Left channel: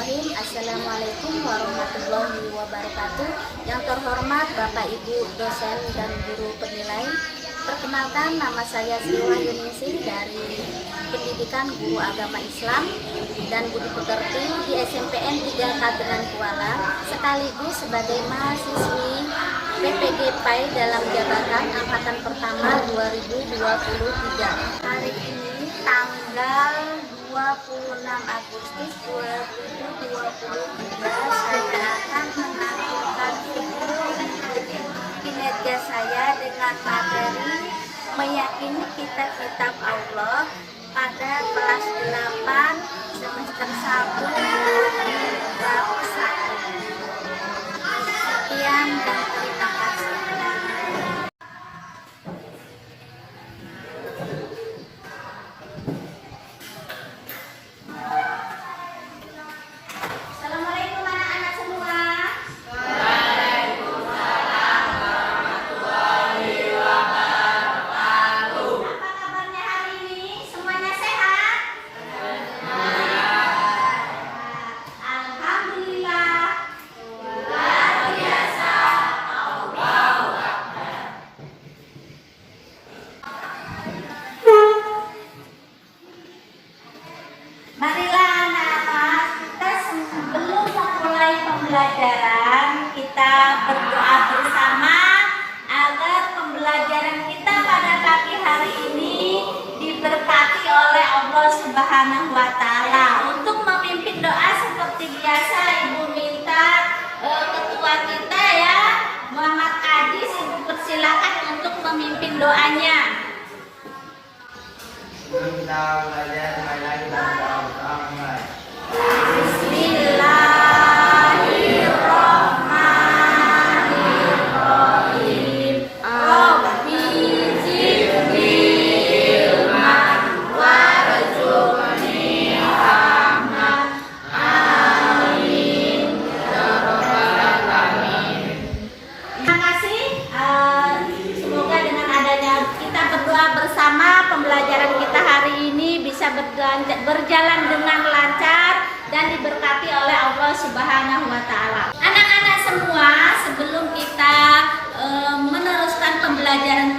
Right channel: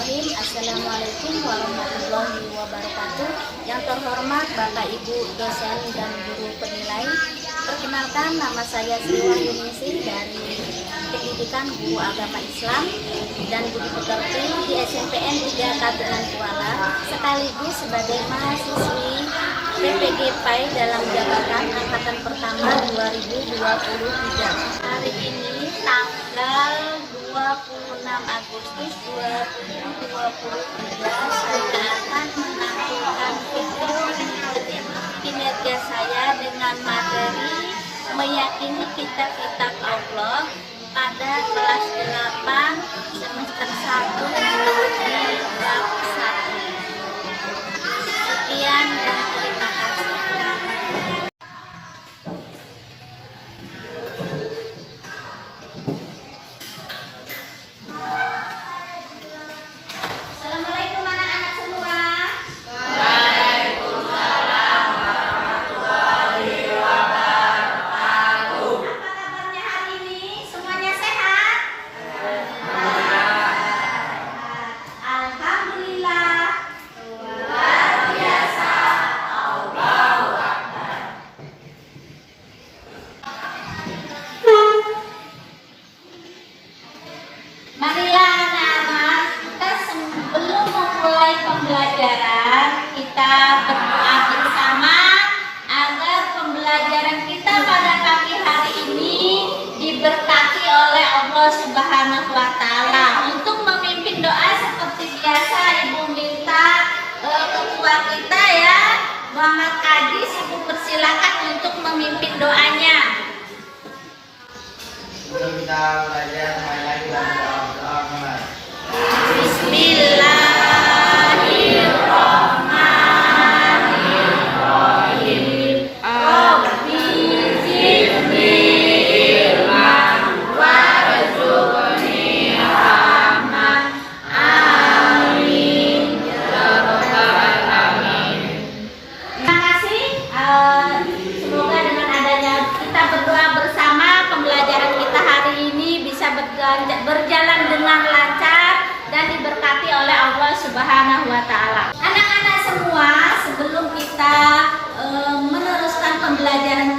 Bismillahirrahmanirrahim. Assalamualaikum warahmatullahi wabarakatuh. Yang terhormat Bapak Ibu dosen dan guru penilai, perkenalkan nama saya Sri Wahyuningsih dari Pendidikan Guru Agama Islam dan Budi Pekerti di SMPN 3 Kagenan Kuala, sekaligus sebagai mahasiswi PPG PAI dalam jabatan angkatan pertama 2023. Hari ini tanggal 26 Agustus 2023 saya akan menampilkan video kinerja saya dengan materi meyakini kitab-kitab Allah pada kelas 8 semester 1 di bab 1. Sekian dan terima kasih. Assalamualaikum anak-anak semua. Waalaikumsalam warahmatullahi wabarakatuh. Apa kabarnya hari ini? Semuanya sehat? Alhamdulillah. Luar biasa. Allahu Akbar. Marilah anak-anak, kita sebelum memulai pembelajaran, kita berdoa bersama agar pembelajaran kita pada pagi hari ini diberkati oleh Allah Subhanahu wa Ta'ala. Untuk memimpin doa seperti biasa, Ibu minta ketua kita ya, Muhammad Ajis, Ibu persilakan untuk memimpin doanya. Sebelum kita belajar, mulai lagi dalam doa mulai. Bismillahirrahmanirrahim. Rabbi zidni ilman warzuqni rahmah. Amin ya rabbal alamin. Terima kasih. Semoga dengan adanya kita berdoa bersama, pembelajaran kita hari ini bisa berjalan dengan lancar dan diberkati oleh Allah Subhanahu wa Ta'ala. Anak-anak semua, sebelum kita meneruskan pembelajaran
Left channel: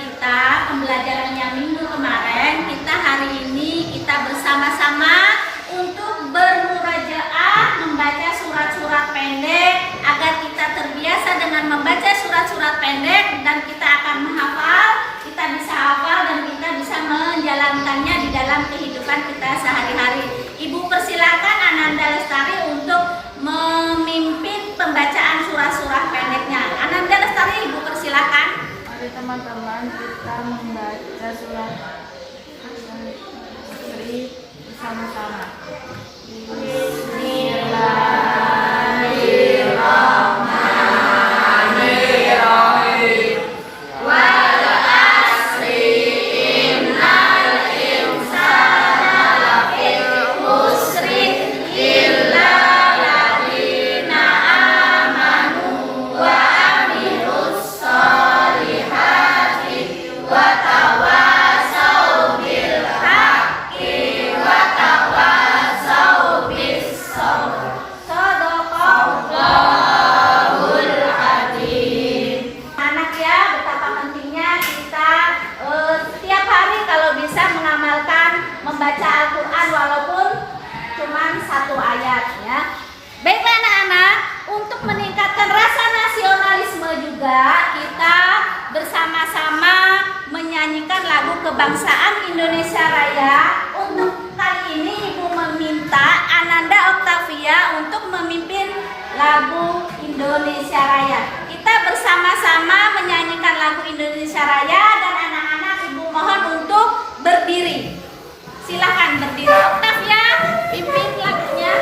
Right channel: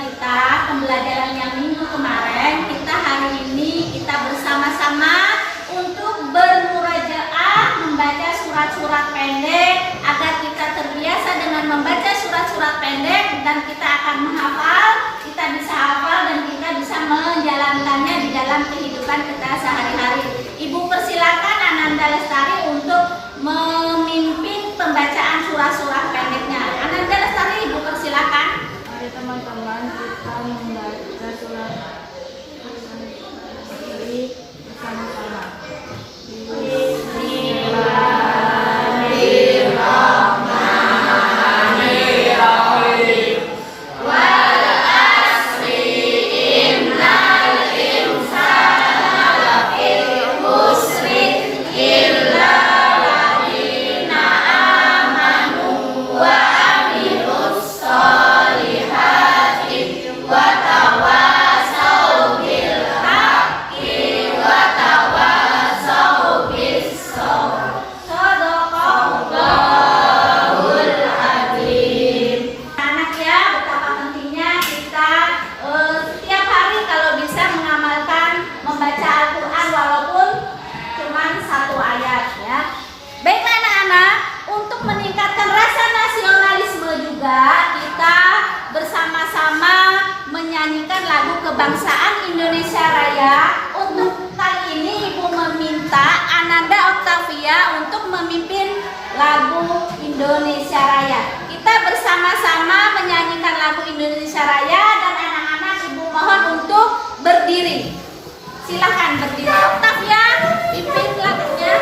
yang minggu kemarin, kita hari ini kita bersama-sama untuk bermurajaah, membaca surat-surat pendek agar kita terbiasa dengan membaca surat-surat pendek dan kita akan menghafal, kita bisa hafal dan kita bisa menjalankannya di dalam kehidupan kita sehari-hari. Ibu persilakan Ananda Lestari untuk memimpin pembacaan surah-surah pendeknya. Ananda Lestari, Ibu persilakan. Mari teman-teman kita membaca surat ini bersama-sama. Bismillahirrahmanirrahim. Wal asri innal insana lafi khusri illa alladziina amanu wa amilus solihati wa tawasau bil haqqi wa tawasau bis sabr. Shadaqallahul adzim. Anak ya, betapa pentingnya kita setiap hari kalau bisa mengamalkan membaca Al-Quran walaupun cuma satu ayat ya. Baik anak-anak, untuk meningkatkan rasa nasionalisme juga kita bersama-sama menyanyikan lagu kebangsaan Indonesia Raya. Untuk kali ini Ibu meminta Ananda Oktavia untuk memimpin lagu Indonesia Raya. Kita bersama-sama menyanyikan lagu Indonesia Raya dan anak-anak Ibu mohon untuk berdiri. Silakan berdiri. Oktavia, pimpin lagunya.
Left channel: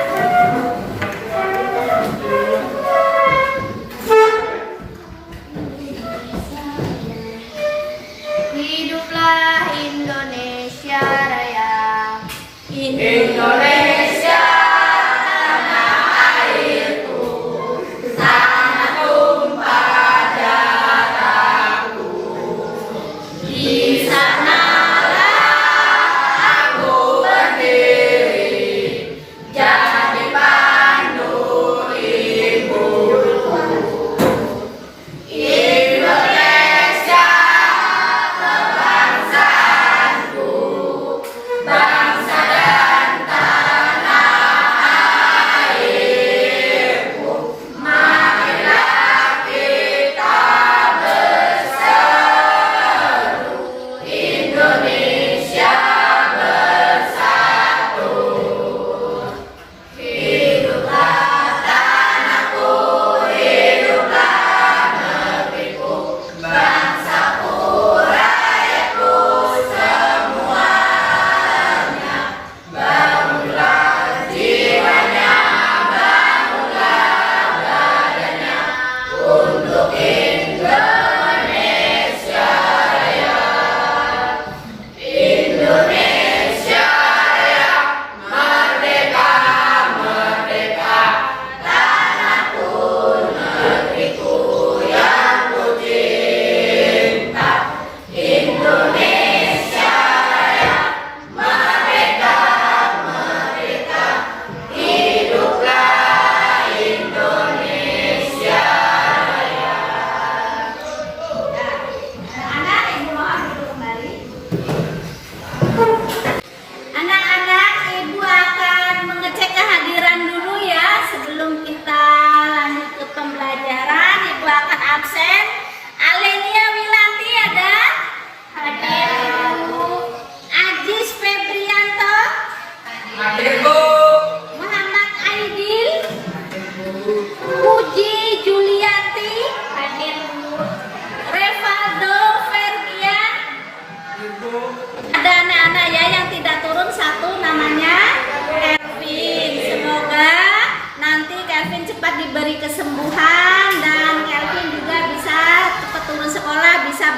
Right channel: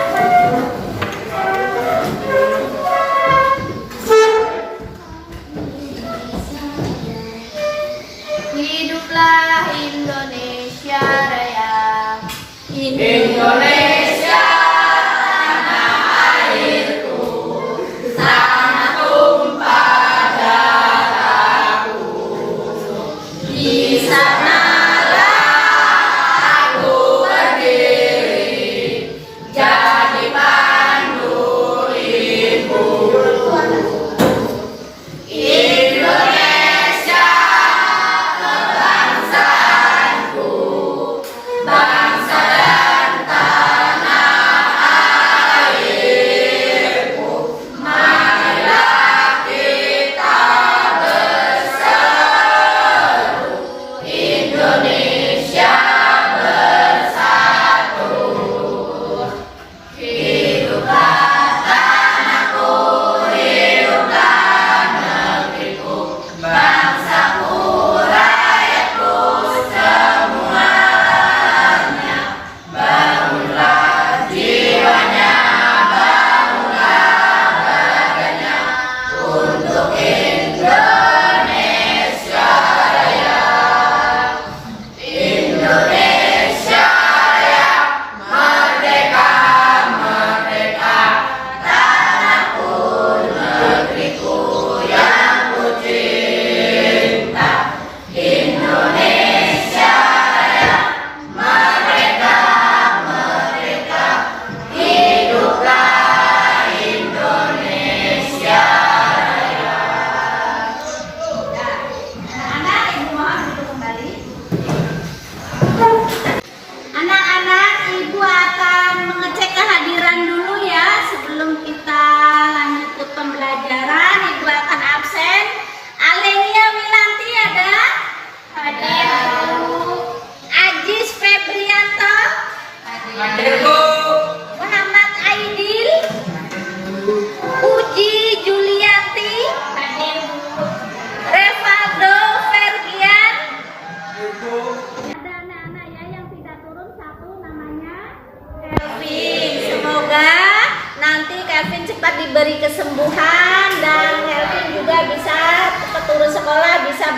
Hiduplah Indonesia Raya. Indonesia tanah airku, sangat tumpah darahku. Di sanalah aku berdiri, jadi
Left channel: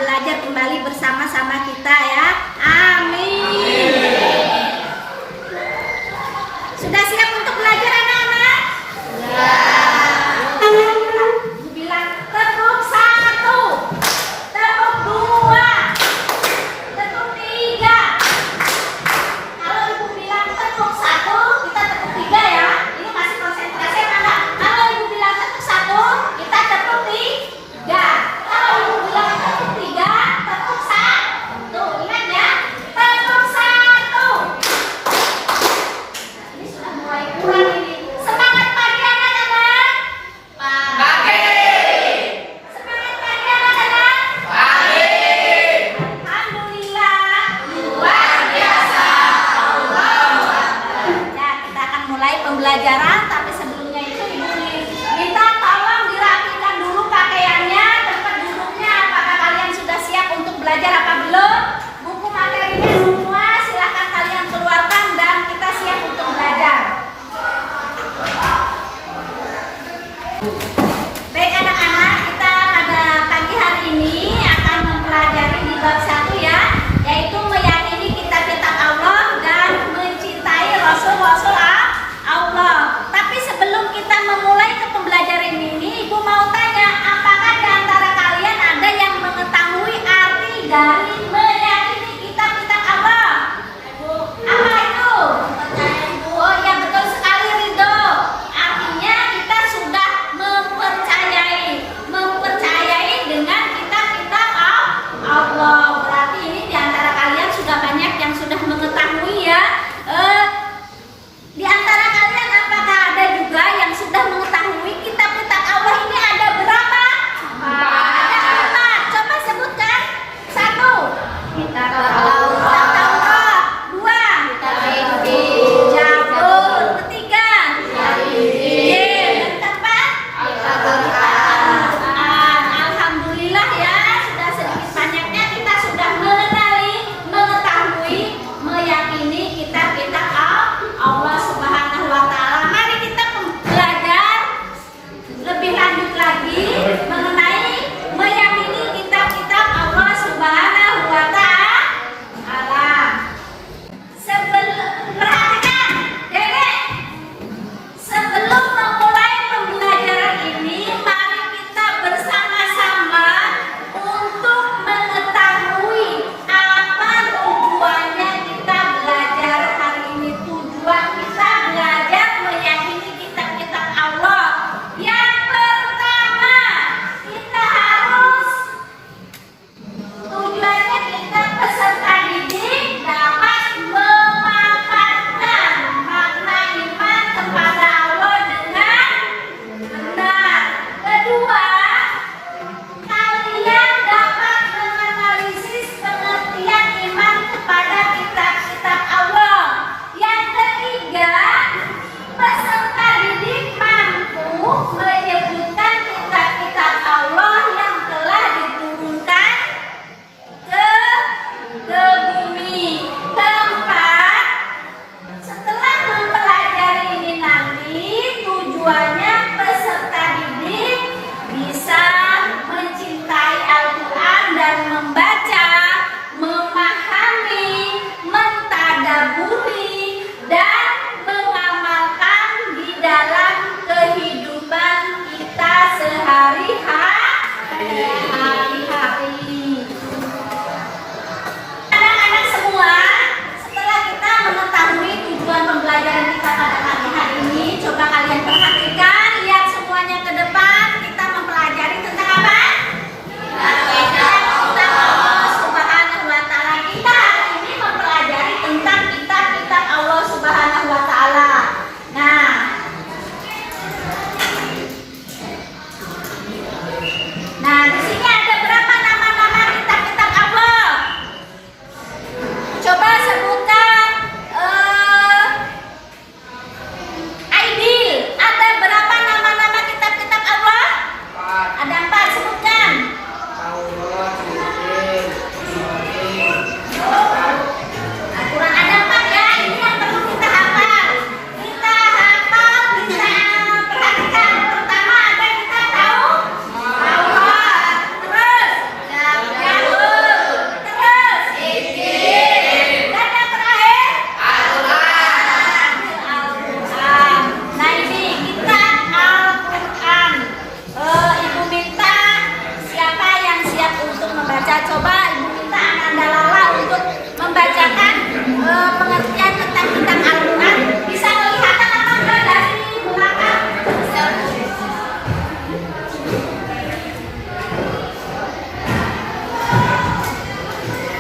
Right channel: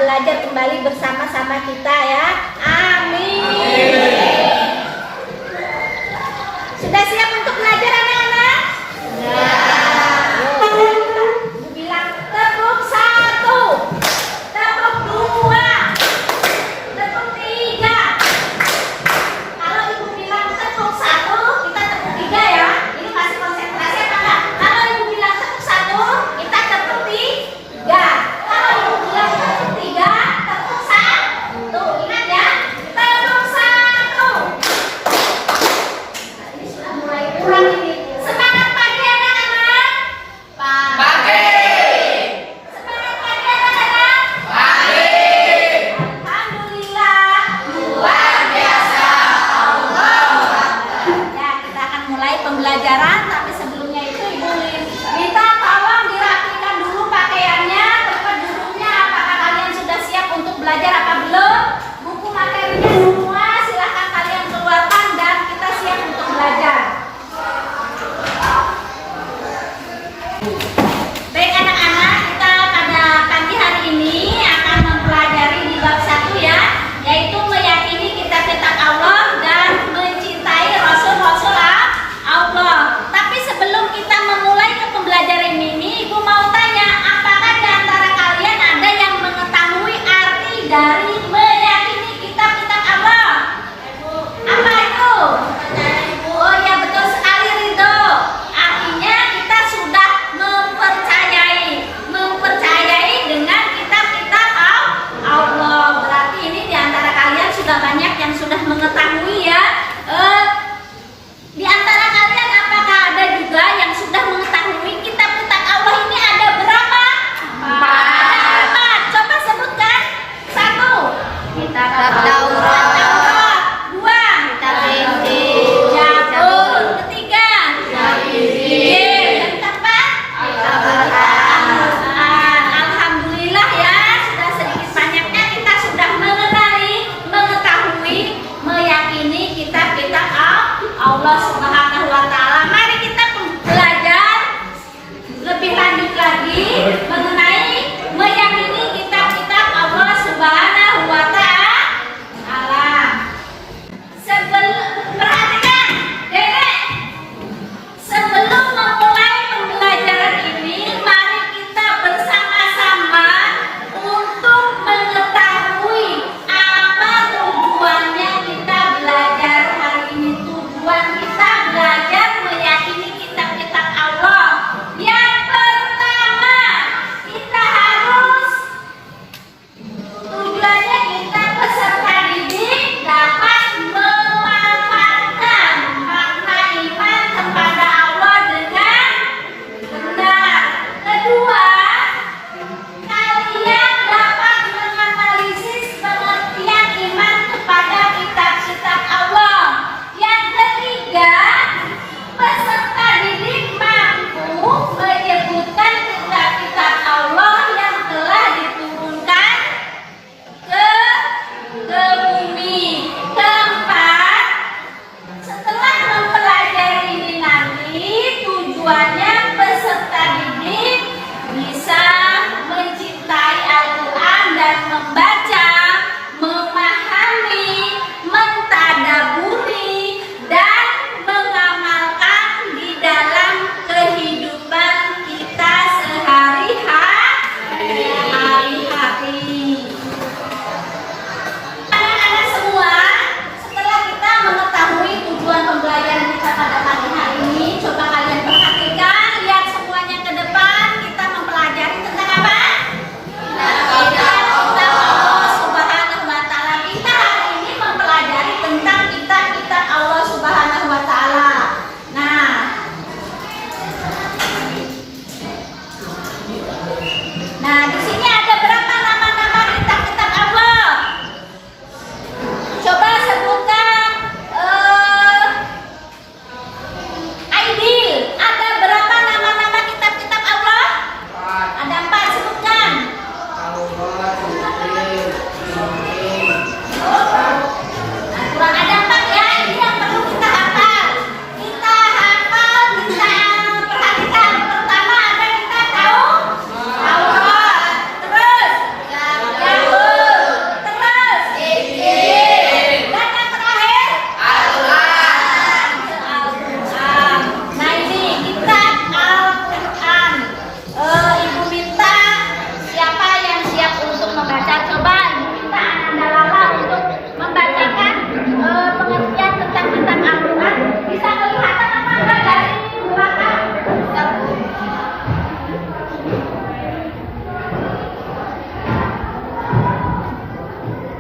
belajar kembali bersama-sama kita ya. Amin. Sudah siap untuk belajar anak-anak? Ya. Bilang tepuk 1, tepuk 2, tepuk 3. Kalau ibu bilang tepuk 1, kita tepuk 3 ya. Ini masih konsentrasi apa enggak? Kalau ibu bilang tepuk 1, kita tepuk 3. Kalau ibu bilang tepuk 3, tepuk 1. Ingat ya. Tepuk 1.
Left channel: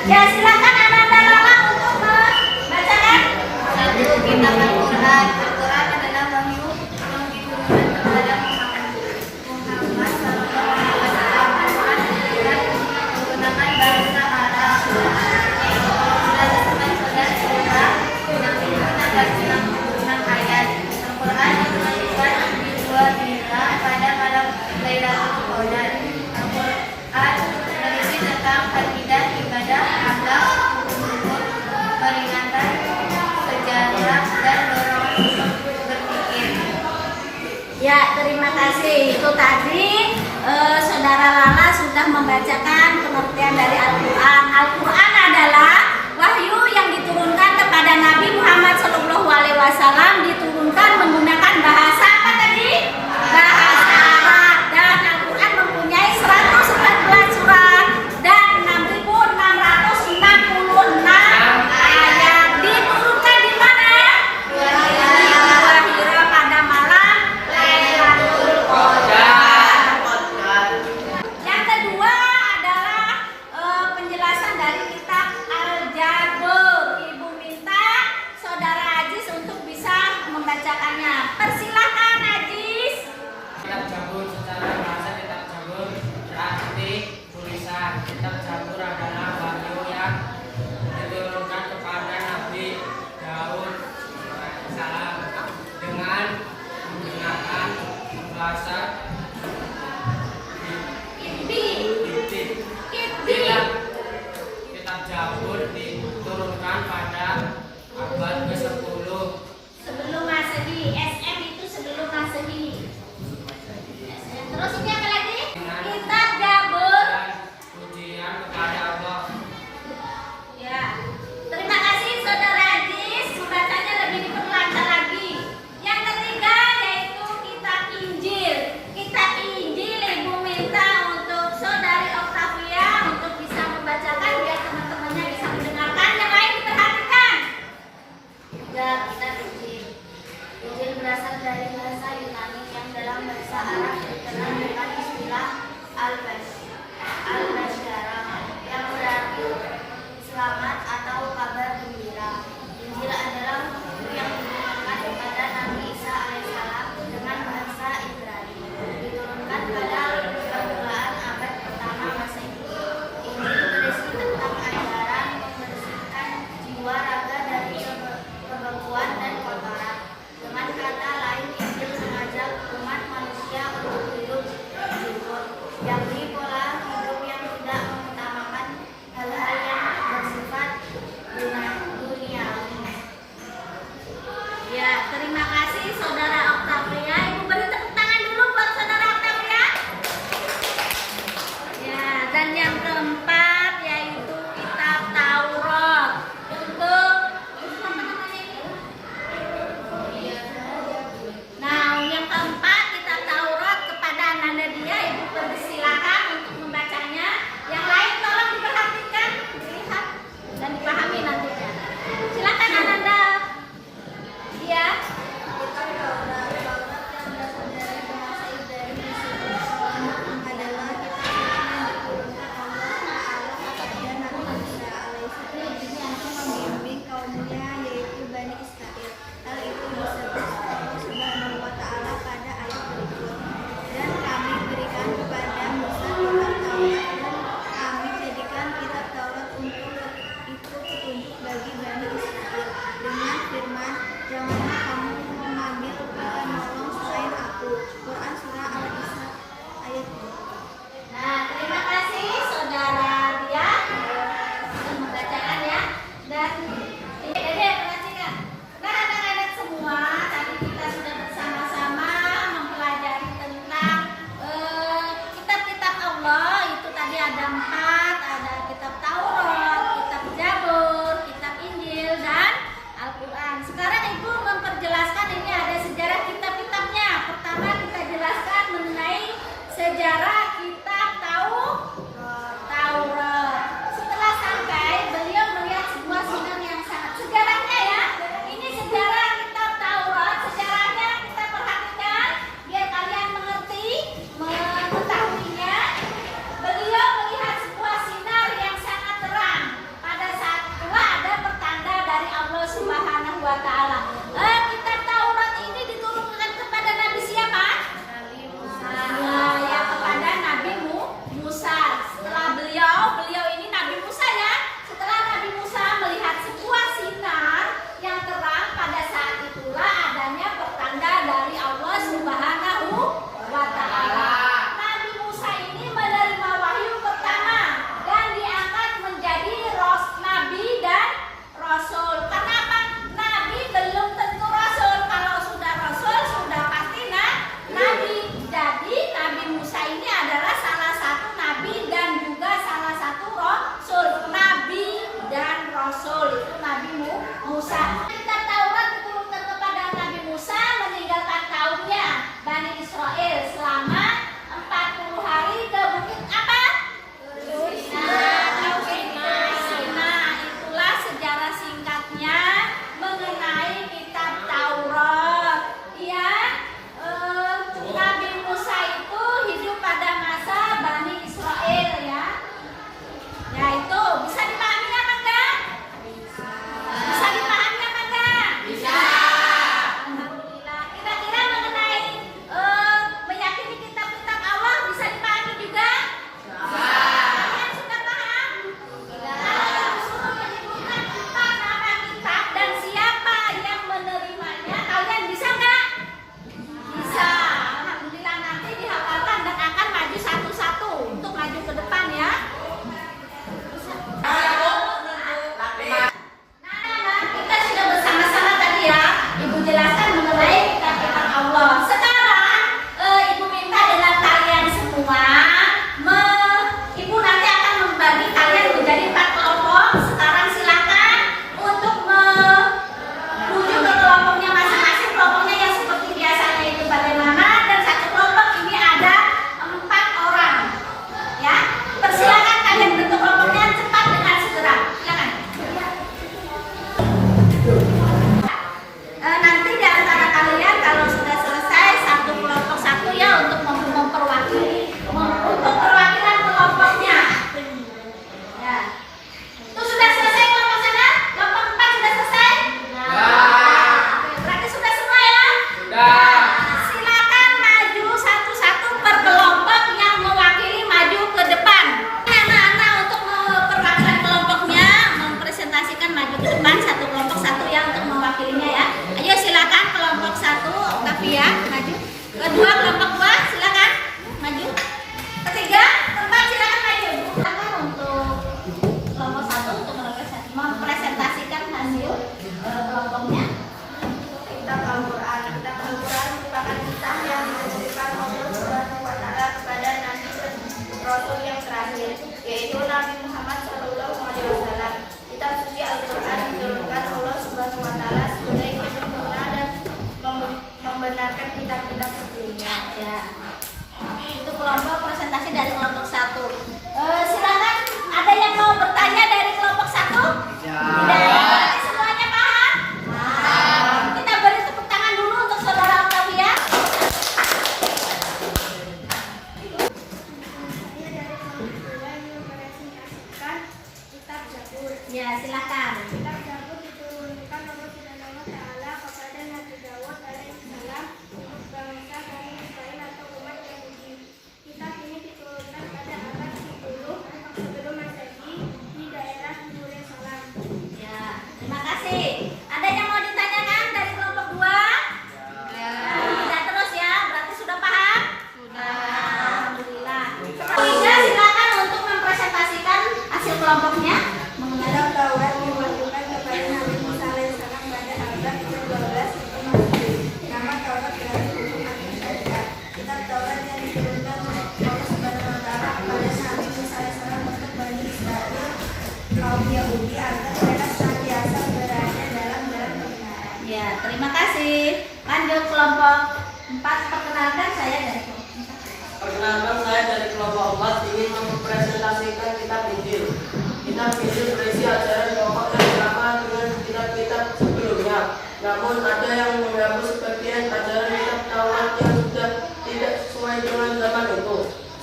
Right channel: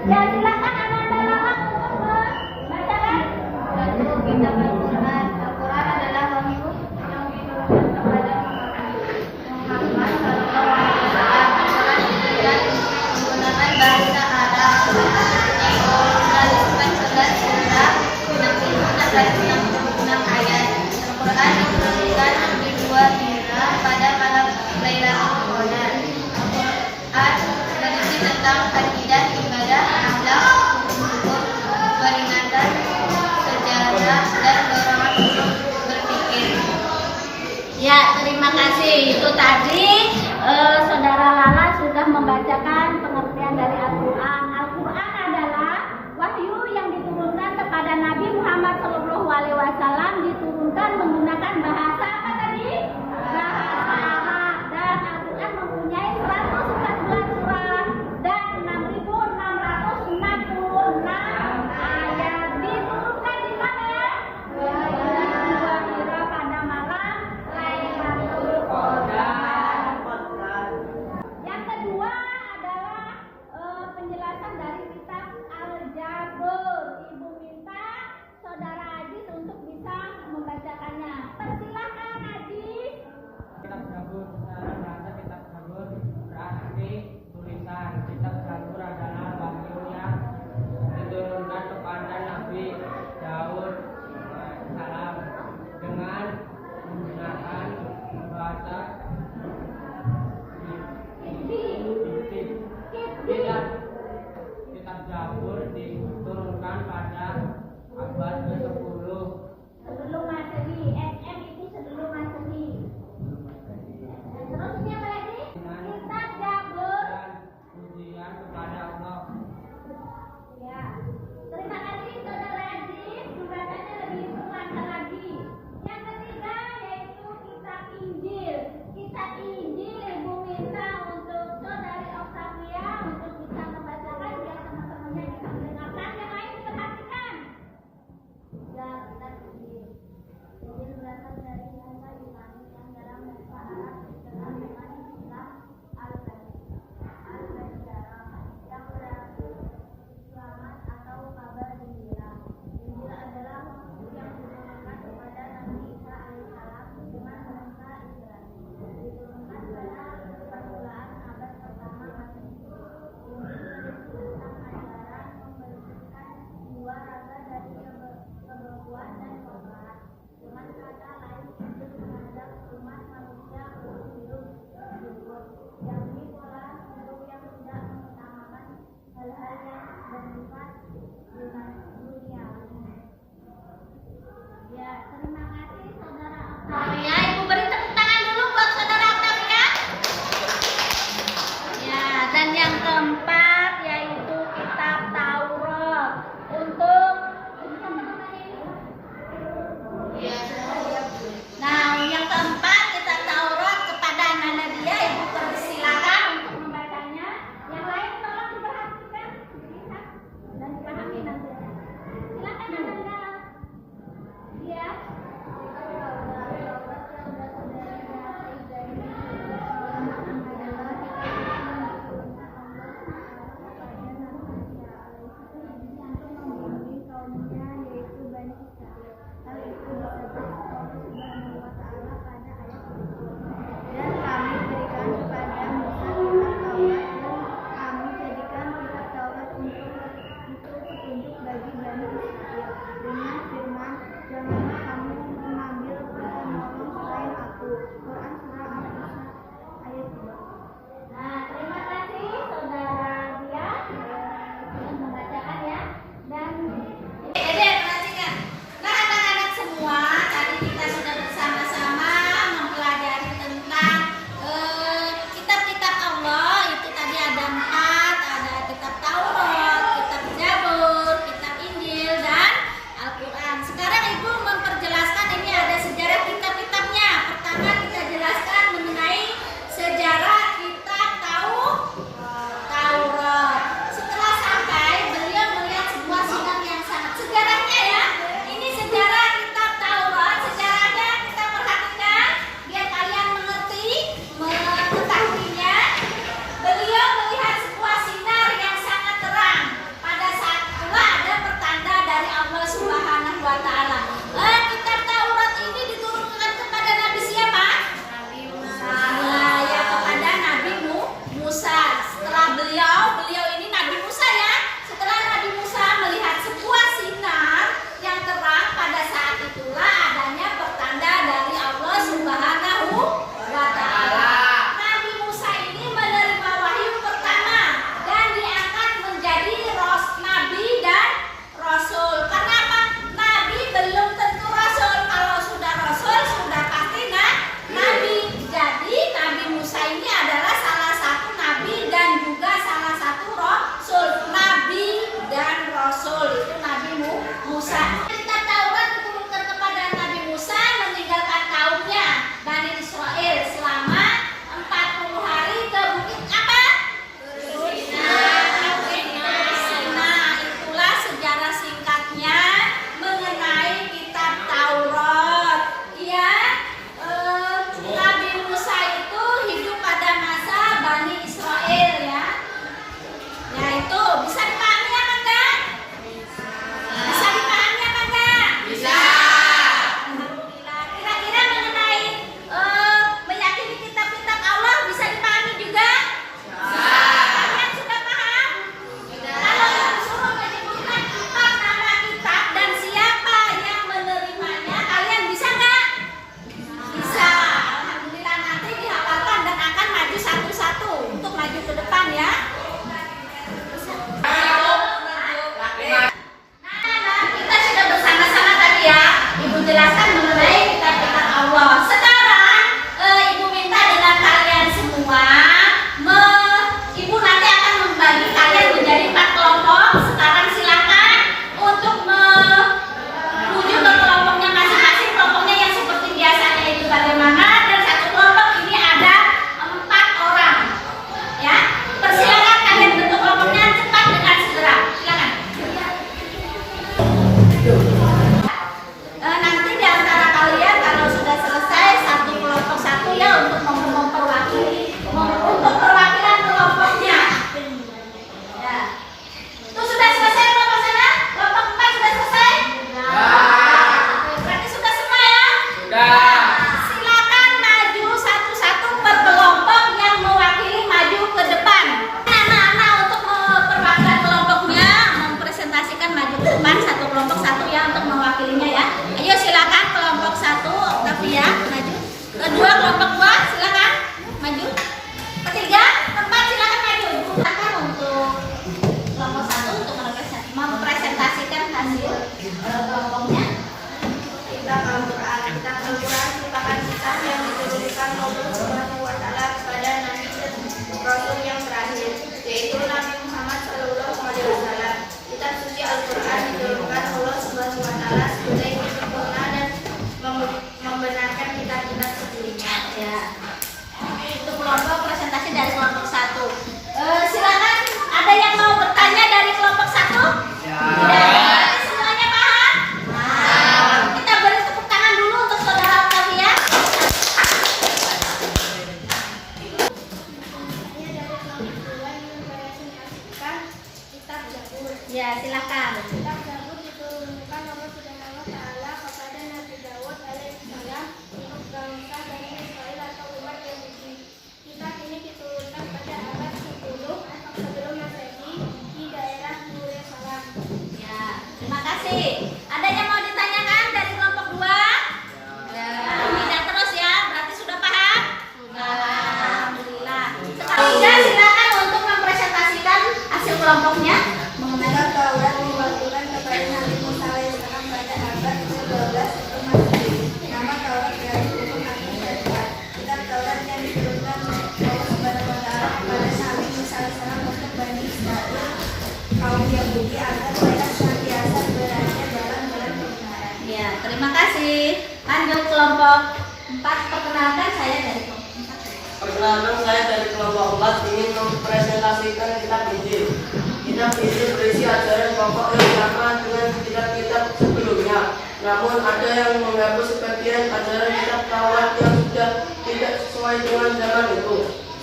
Ya, silakan Ananda Lala untuk membacakan. Satu, kitab Al-Quran. Al-Quran adalah wahyu yang diturunkan kepada Muhammad Sallallahu Alaihi Wasallam. Al-Quran diturunkan menggunakan bahasa Arab. Yaitu 114 surah, 666 ayat. Al-Quran diturunkan di 2 hijrah pada malam Lailatul Qadar. Al-Quran berisi tentang akidah, ibadah, akhlak, hukum, peringatan, sejarah, dan dorongan untuk berpikir. Ya, terima kasih. Itu tadi Saudara Lala sudah membacakan pengertian dari Al-Quran. Al-Quran adalah wahyu yang diturunkan kepada Nabi Muhammad SAW, diturunkan menggunakan bahasa apa tadi? Bahasa Arab. Dan Al-Quran mempunyai 114 surat dan 6.666 ayat. Diturunkan di mana? Di dua hira pada malam Lailatul Qadar. Yang kedua adalah penjelasan dari kitab Al-Jabr. Ibu minta Saudara Ajis untuk bisa membacakannya. Persilakan Ajis. Kitab Jabur secara bahasa kitab Jabur berarti tulisan. Kitab Jabur adalah wahyu yang diturunkan kepada Nabi Daud salam dengan menggunakan bahasa Kitbi. Kitbi. Kitab Jabur diturunkan pada abad ke-10 Sebelum Masehi. SM itu sebelum Masehi. SM. Terus ini apa lagi? Kitab Jabur. dan ujian kepada Allah. Ya. Terima kasih Saudara Ajis. Membacanya lebih diperlancar lagi. Yang ketiga yaitu kitab Injil. Kitab Injil Ibu minta untuk Saudari Octavia untuk bisa membacakan biar teman-temannya bisa mendengarkan. Yang lain diperhatikan. Ya, kitab Injil. Injil berasal dari bahasa Yunani yang dalam bahasa Arab dikenal dengan istilah al-Bashara yang berarti selamat atau kabar gembira. Injil adalah buku yang diturunkan kepada Nabi Isa alaihissalam dengan bahasa Ibrani. Diturunkan pada permulaan abad pertama Masehi. Injil berisi tentang ajaran membersihkan jiwa raga dari kebekuan dan kotoran. Dengan kata lain, Injil mengajak umat manusia untuk hidup jujur, yakni pola hidup yang tidak mengutamakan hal-hal yang bersifat duniawi. Ya, terima kasih Saudara Octavia. Ibu beri tepuk tangan dulu buat Saudara Octavia. Ya, dan yang keempat yaitu kitab Taurat. Untuk apa namanya ini? Nah, yang keempat kitab Taurat kepada Ananda dia, Ibu persilakan untuk membacanya. Yang lain tolong diperhatikan, dilihat dan dipahami nantinya. Silakan Ananda. Iya. Bagi Bani Israel dengan firman, janganlah kamu mengambil penolong selain aku. Quran surah Al-Isra ayat 2. Nah, terima kasih Saudara dia sudah membacakan ya. Dan Dede perhatikan. Nah, anak-anak semua, tadi kita sudah bersama-sama mempelajari tentang kitab-kitab Allah. Itu tadi ada 4, ada kitab Taurat, kitab Jabur, kitab Injil, dan Al-Quran. Sekarang Ibu memperjelaskan ini ada sejarah kitab-kitabnya. Pertama kita jelaskan mengenai sejarah kitab Taurat. Setelah sampai, beliau melihat sebuah sidang yang sangat sejarahnya ya. Ini sejarah kitab Taurat. Sejarahnya kita perhatikan biar kalian mengerti, mengetahuinya. Beliau melihat sebuah Musa. Kitab Taurat diturunkan kepada Nabi Musa meninggalkan kaumnya Bani Israel selama 40 hari ke bukit apa? Sinai. Itulah sejarah singkatnya mengenai kitab Taurat. Ya, Nabi Musa itu hidup pada masa Bani Israel ya. Ya itu bisa dipahami apa enggak? Bisa dipahami apa enggak? Bisa. Alhamdulillah. Kira-kira mengenai meyakini kitab-kitab Allah bisa dipahami juga? Bisa. Kalian sudah paham? Kalau yang disuruh menyebutkan 4 nama kitab dan siapa yang menerimanya, kalian bisa enggak? Bisa. Alhamdulillah nanti dihafalkan dan akan maju satu-satu untuk maju ke depan ya. Kita sudah bersama-sama tadi ya, Ibu jelaskan mengenai kitab-kitab Allah. Sekarang Ibu minta dengan kalian semua, Ibu nanti akan membagi kalian menjadi 4 kelompok. Sekarang silakan untuk menuju ke kelompoknya masing-masing. Kelompoknya yang seperti biasanya itu bagaimana, dan satu kelompok ini ada 4 orang. Ya, persilakan kalian bentuk kelompoknya cepat dengan segera. Silakan. Nanti di antara kalian kalau sudah selesai satu kelompok satu ya untuk memperwakili untuk perwakilan kelompoknya. Ya. Itu sudah selesai kelompok sana? Kelompok 4 sudah selesai? Berarti sudah semua ya? Sudah. Silakan maju satu-satu per kelompok yang mewakili maju ke depan. Anak-anak untuk perwakilan kelompoknya mempresentasikan maju ke depan satu kelompok satu ya untuk mewakilinya ya. Ayo silakan kelompok 1 Octavia maju. Kedua kelompok 2 silakan maju. Ketiga, keempat silakan maju. Silakan untuk kelompok 1 untuk mempresentasikan hasil kelompoknya. Kitab Al-Quran. Kitab Al-Quran merupakan kitab yang diturunkan Allah Subhanahu wa Ta'ala kepada Nabi dan Rasul yang terakhir, yaitu Nabi Muhammad SAW. Kitab suci Al-Quran diturunkan Allah Subhanahu wa Ta'ala sebagai sempurna dan membenarkan kitab-kitab sebelumnya. Ya. Itu kelompok presentasi dari kelompok 1. Silakan ada yang mau bertanya dari kelompok 1? Ya. Semuanya paham? Paham. Kita beri tepuk tangan dulu untuk saudara Octavia. Saya dari kelompok 2 yang mempresentasikan kitab Zabur. Ya, silakan. Kitab Zabur diturunkan Allah Subhanahu wa Ta'ala kepada Nabi Dawud alaihissalam untuk bangsa Bani Israel atau umat Yahudi. Kitab ini diturunkan pada abad 10 sebelum Masehi di daerah Yerusalem. Ya, terima kasih. Ada yang mau ditanyakan dari kelompok 2? Ya. Terus ya, berarti sudah paham? Sudah. Alhamdulillah. Selanjutnya silakan untuk mempresentasikan hasil kelompoknya. Kitab Taurat diwahyukan kepada Nabi Musa alaihissalam pada abad ke-12 sebelum Masehi. Nama Taurat berarti buku atau syariat. Kitab Taurat yang diturunkan Allah Subhanahu wa Ta'ala kepada Nabi Musa alaihissalam untuk Bani Israel kaum Yahudi agar mereka senantiasa berada dalam jalan kebenaran. Ya, terima kasih. Lanjut kelompok 4, perkenalkan saya dari kelompok 4. Perkenalkan, saya dari kelompok 4 ingin mempresentasikan kitab Injil. Kitab Injil berisi ajaran pokok yang sama dengan kitab-kitab sebelumnya. Namun ada yang menghapus sebagian ajaran kitab Taurat yang sudah tidak sesuai dengan zaman itu.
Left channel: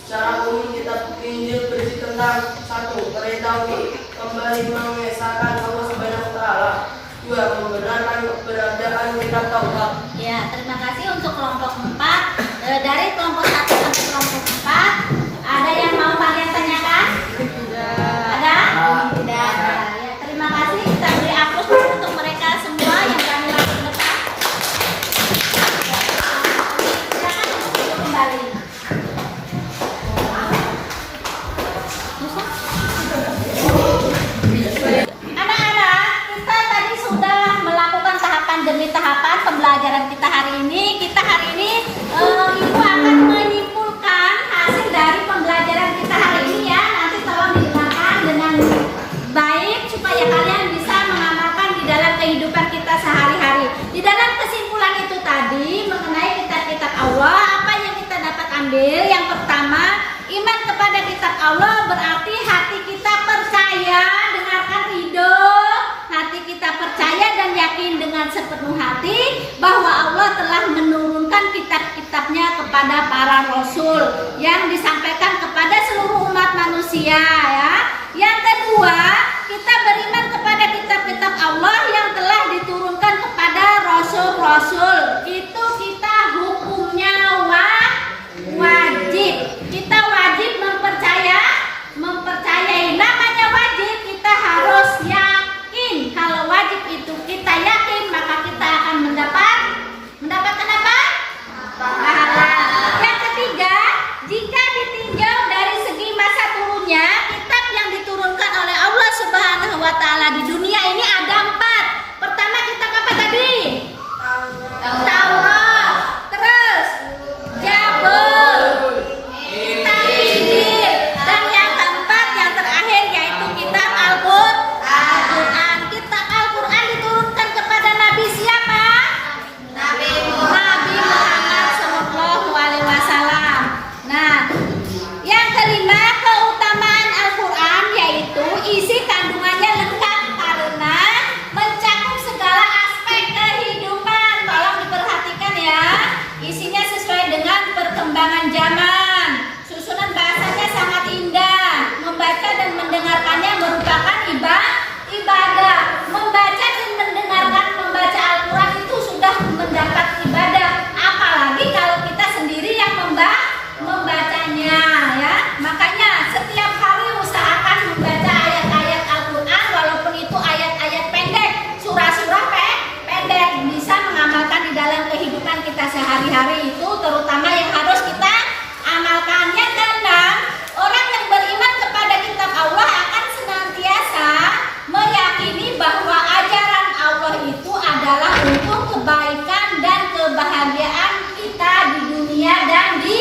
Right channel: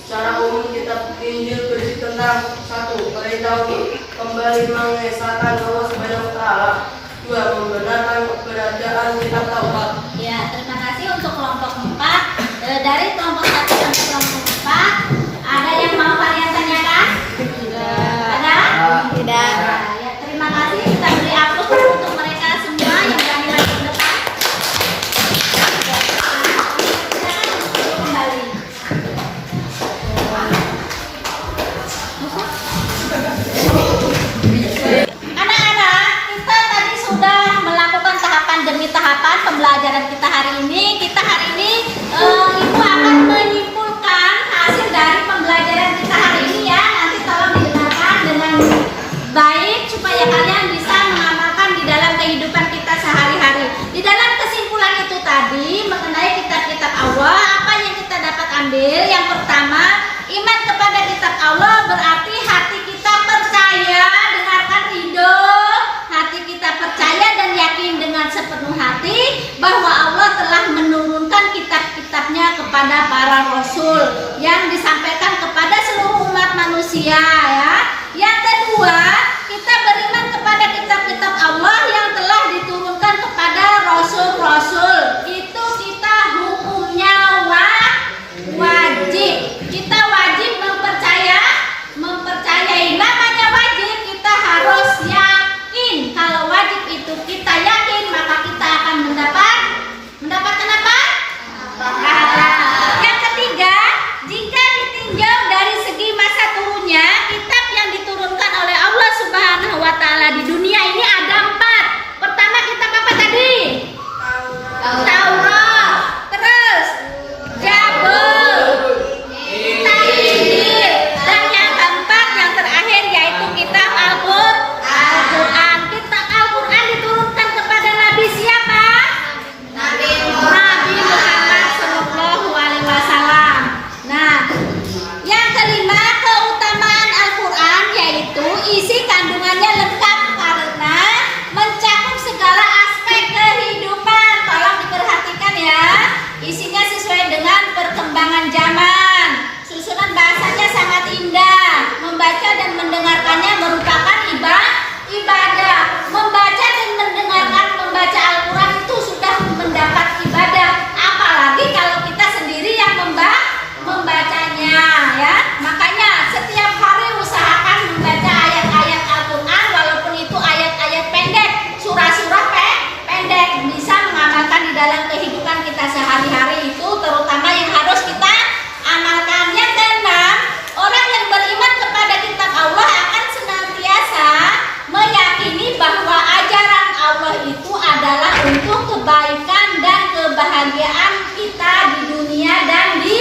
Secara umum kitab Injil berisi tentang 1. Perintah untuk kembali mengesahkan Allah Subhanahu wa Ta'ala. 2. Membenarkan keberadaan kitab Taurat. Ya, terima kasih untuk kelompok 4. Dari kelompok 1 sampai kelompok 4, ada yang mau kalian tanyakan? Ada? Tidak. Ya, terima kasih. Kita beri aplaus untuk mereka semua yang berani maju ke depan. Silakan duduk kembali. Ada ambil. Yang pertama, iman kepada kitab Allah berarti hati kita percaya, dengarkan ridho, hati kita percaya dan yakin dengan sepenuh hati bahwa Allah telah menurunkan kitab-kitabnya kepada para rasul yang disampaikan kepada seluruh umat manusia, ya. Yang kedua, kita beriman kepada kitab-kitab Allah yang telah diturunkan kepada rasul-rasul. Itu kita hukumnya wajib. Kita wajib mempercayai. Namanya wajib, kita harus yakin. Kalau wajib itu kita yakin, maka kita akan mendapatkan apa? Pahala. Yang ketiga, jika ditinjau dari segi masa turunnya, kitab yang diturunkan oleh Allah Subhanahu wa Ta'ala di dunia ini ada 4. Pertama, kitab apa tadi? Taurat. Terus Zabur, kitab Injil, dan yang keempat, yang terakhir yaitu kitab Al-Quran. Kitab Al-Quran diturunkan kepada Nabi siapa? Nabi Muhammad Sallallahu Alaihi Wasallam. Nah, yang kelima, keutamaan Al-Quran yaitu isi kandungannya lengkap karena mencakup segala aspek kehidupan. Tolong diperhatikan ya, isinya sesuai dengan perkembangan zaman. Susunan bahasanya sangat indah. Membaca dan mendengarkannya merupakan ibadah. Membaca dan mendengarkan membaca Al-Quran itu sudah mendapat ibadah. Apalagi kalau kita sendiri yang membacanya, ya. Makanya setiap hari usahakan membaca ayat-ayat Al-Quran, walaupun itu ayat-ayat pendek, surah-surah pendek, bisa mengamalkan di dalam kehidupan kita sehari-hari. Itu terutama yang harus kita amalkan. Yang keenam, orang yang beriman kepada kitab Allah akan senantiasa meyakini bahwa ajaran Allah itu adalah untuk kebaikan dan kebahagiaan kita di dunia dan di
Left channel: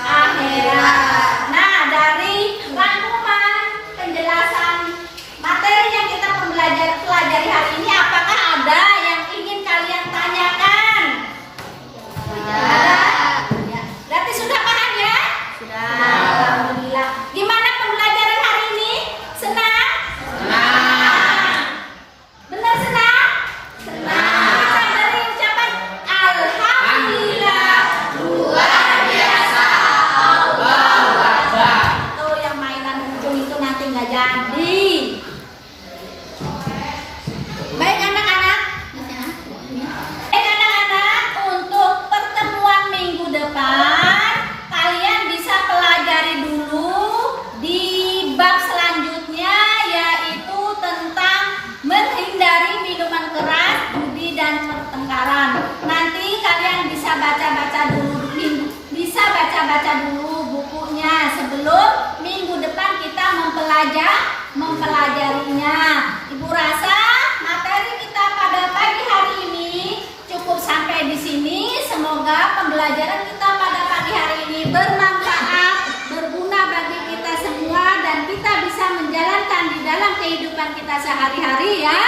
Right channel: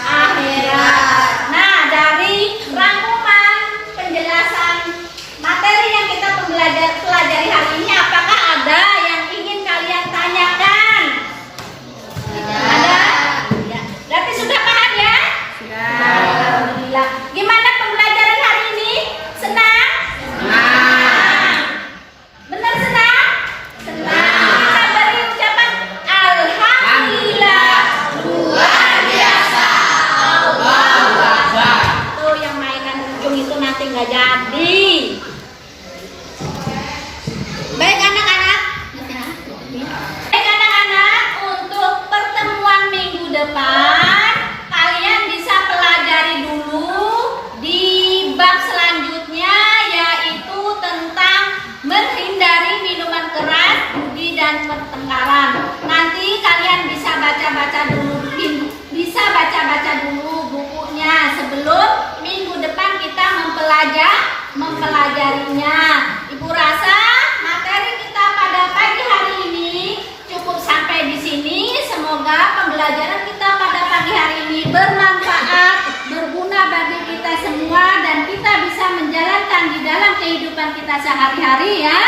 akhirat. Nah, dari rangkuman penjelasan materi yang kita pelajari hari ini, apakah ada yang ingin kalian tanyakan? Ada? Ya. Berarti sudah paham ya? Sudah. Alhamdulillah. Gimana pembelajaran hari ini? Senang? Senang. Benar senang? Senang. Kita beri ucapan Alhamdulillah. Luar biasa. Allahu Akbar. Tuh yang mainan ujung itu nanti nggak jadi. Baik anak-anak. Baik anak-anak, untuk pertemuan minggu depan kalian bisa pelajari dulu di bab selanjutnya, yaitu tentang menghindari minuman keras, judi dan pertengkaran. Nanti kalian bisa baca-baca dulu bukunya sebelum minggu depan kita mempelajarinya. Ibu rasa materi kita pada pagi hari ini cukup sampai di sini. Semoga pembelajaran kita pada pagi hari ini bermanfaat, berguna bagi kita semua, dan kita bisa menjalankan di dalam kehidupan kita sehari-hari, ya.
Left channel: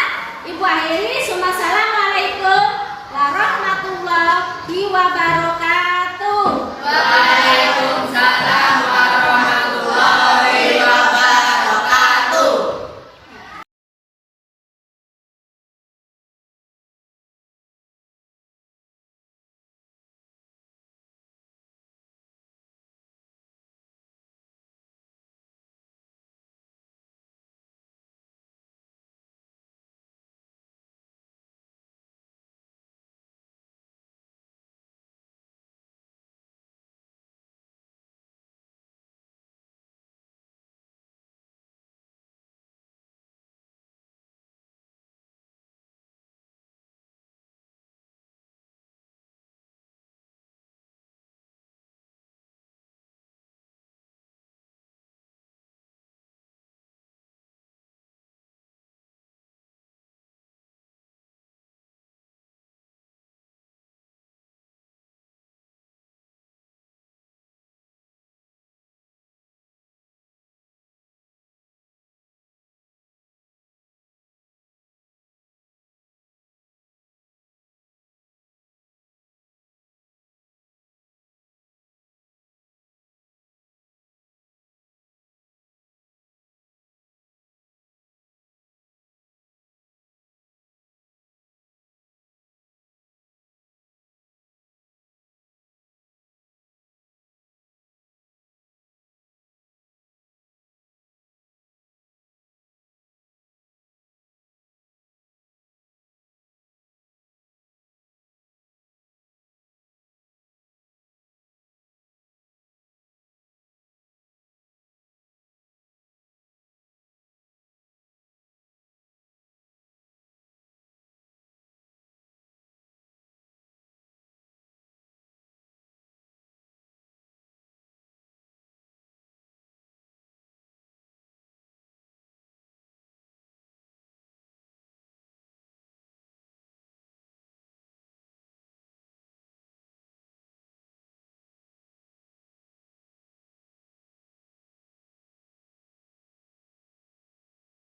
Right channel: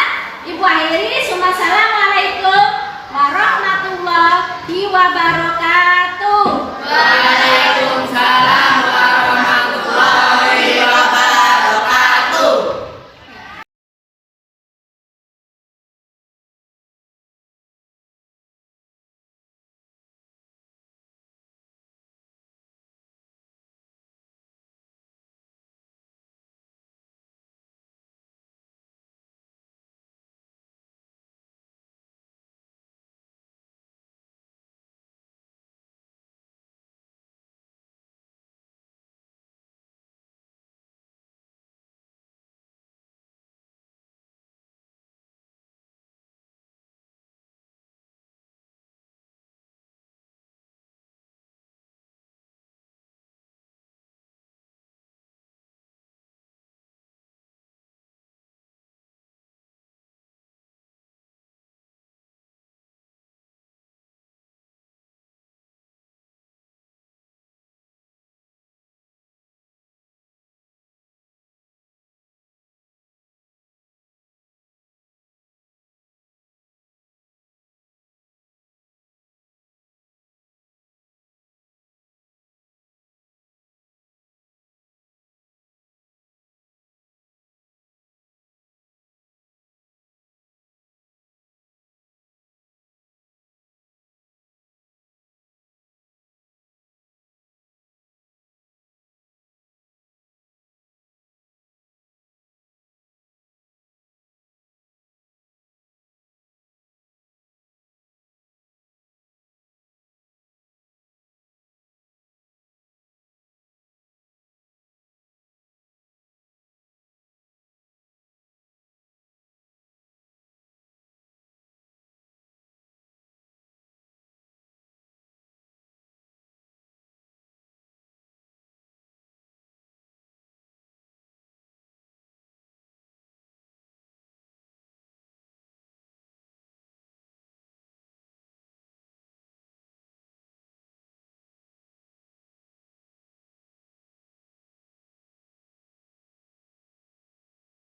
Ibu akhiri, Assalamualaikum warahmatullahi wabarakatuh. Waalaikumsalam